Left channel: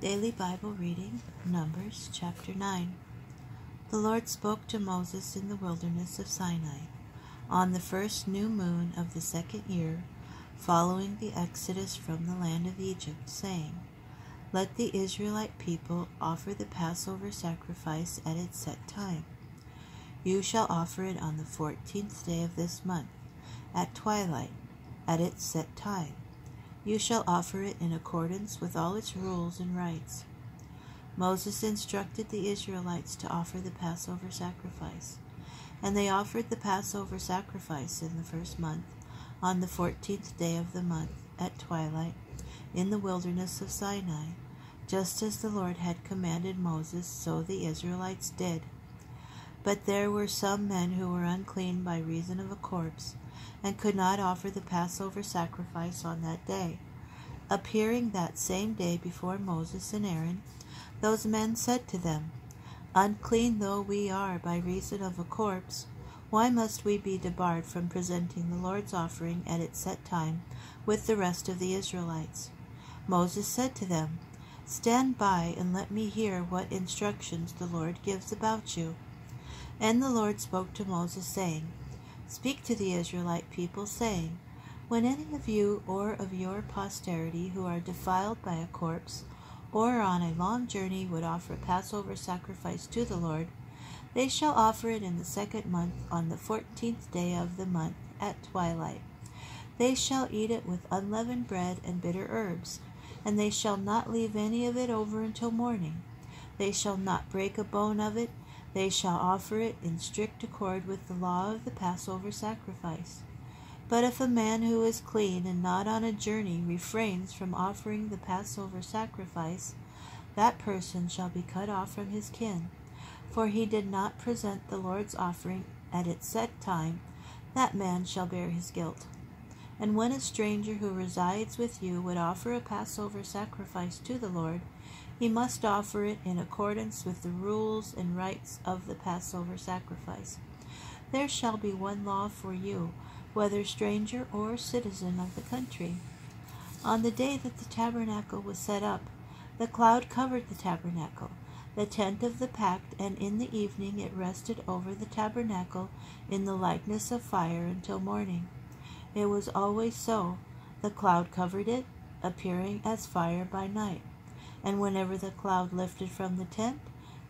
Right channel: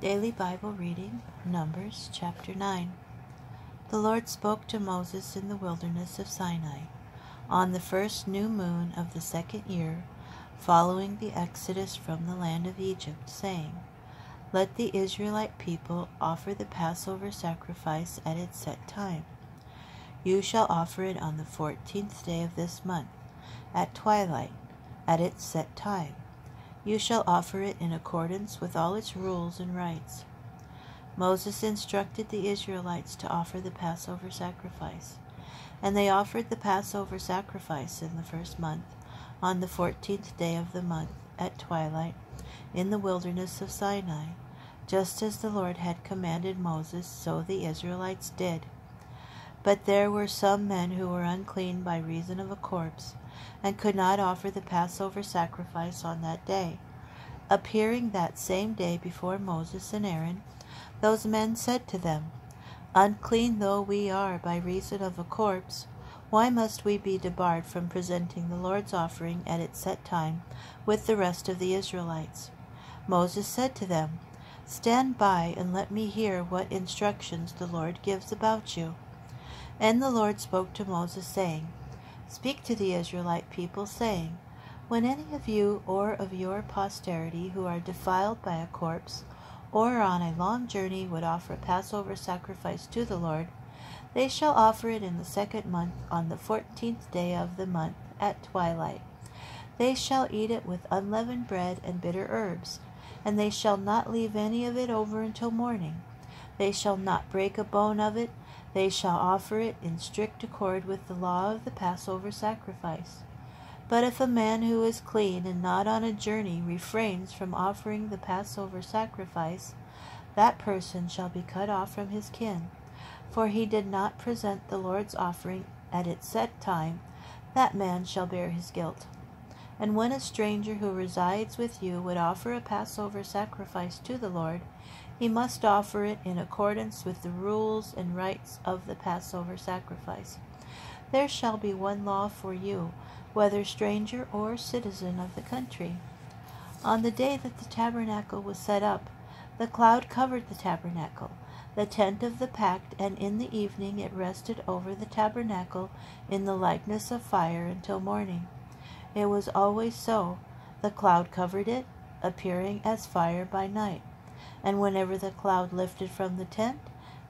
Daily Bible reading, Numbers chapter 9. The Lord spoke to Moses in the wilderness of Sinai on the first new moon of the second year, following the exodus from the land of Egypt, saying, Let the Israelite people offer the Passover sacrifice at its set time. You shall offer it on the 14th day of this month, at twilight, at its set time. You shall offer it in accordance with all its rules and rites. Moses instructed the Israelites to offer the Passover sacrifice, and they offered the Passover sacrifice in the first month, on the 14th day of the month, at twilight, in the wilderness of Sinai. Just as the Lord had commanded Moses, so the Israelites did. But there were some men who were unclean by reason of a corpse, and could not offer the Passover sacrifice on that day. Appearing that same day before Moses and Aaron, those men said to them, Unclean though we are by reason of a corpse, why must we be debarred from presenting the Lord's offering at its set time with the rest of the Israelites? Moses said to them, Stand by and let me hear what instructions the Lord gives about you. And the Lord spoke to Moses, saying, Speak to the Israelite people, saying, When any of you or of your posterity who are defiled by a corpse, or on a long journey would offer a Passover sacrifice to the Lord, they shall offer it in the second month on the 14th day of the month at twilight. They shall eat it with unleavened bread and bitter herbs, and they shall not leave any of it over until morning. They shall not break a bone of it. They shall offer it in strict accord with the law of the Passover sacrifice. But if a man who is clean and not on a journey refrains from offering the Passover sacrifice, that person shall be cut off from his kin, for he did not present the Lord's offering at its set time. That man shall bear his guilt. And when a stranger who resides with you would offer a Passover sacrifice to the Lord, he must offer it in accordance with the rules and rites of the Passover sacrifice. There shall be one law for you, whether stranger or citizen of the country. On the day that the tabernacle was set up, the cloud covered the tabernacle, the tent of the pact, and in the evening it rested over the tabernacle in the likeness of fire until morning. It was always so. The cloud covered it, appearing as fire by night. And whenever the cloud lifted from the tent,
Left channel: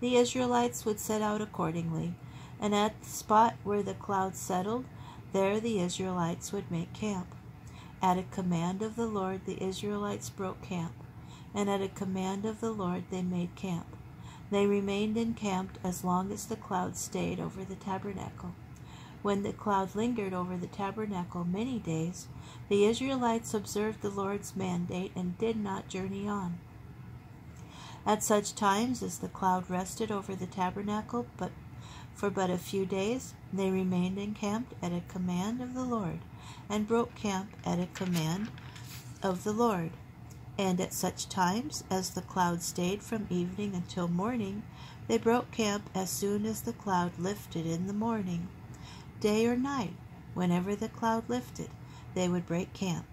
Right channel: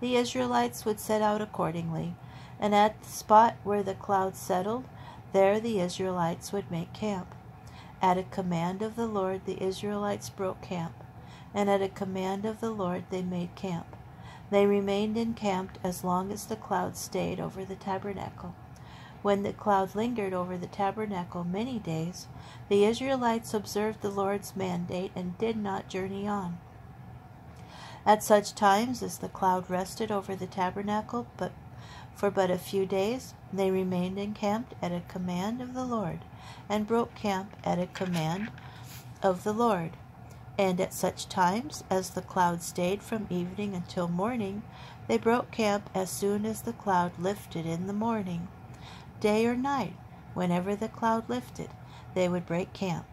the Israelites would set out accordingly, and at the spot where the cloud settled, there the Israelites would make camp. At a command of the Lord the Israelites broke camp, and at a command of the Lord they made camp. They remained encamped as long as the cloud stayed over the tabernacle. When the cloud lingered over the tabernacle many days, the Israelites observed the Lord's mandate and did not journey on. At such times as the cloud rested over the tabernacle for but a few days, they remained encamped at a command of the Lord, and broke camp at a command of the Lord. And at such times as the cloud stayed from evening until morning, they broke camp as soon as the cloud lifted in the morning. Day or night, whenever the cloud lifted, they would break camp,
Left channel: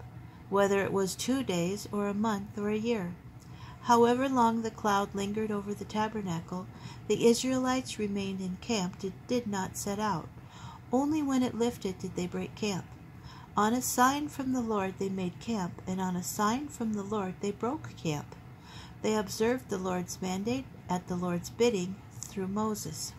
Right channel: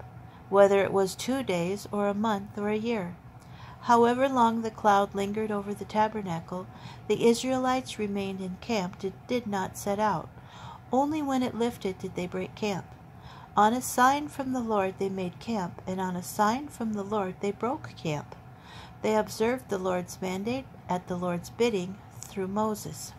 whether it was 2 days or a month or a year. However long the cloud lingered over the tabernacle, the Israelites remained encamped and did not set out. Only when it lifted did they break camp. On a sign from the Lord they made camp, and on a sign from the Lord they broke camp. They observed the Lord's mandate at the Lord's bidding through Moses.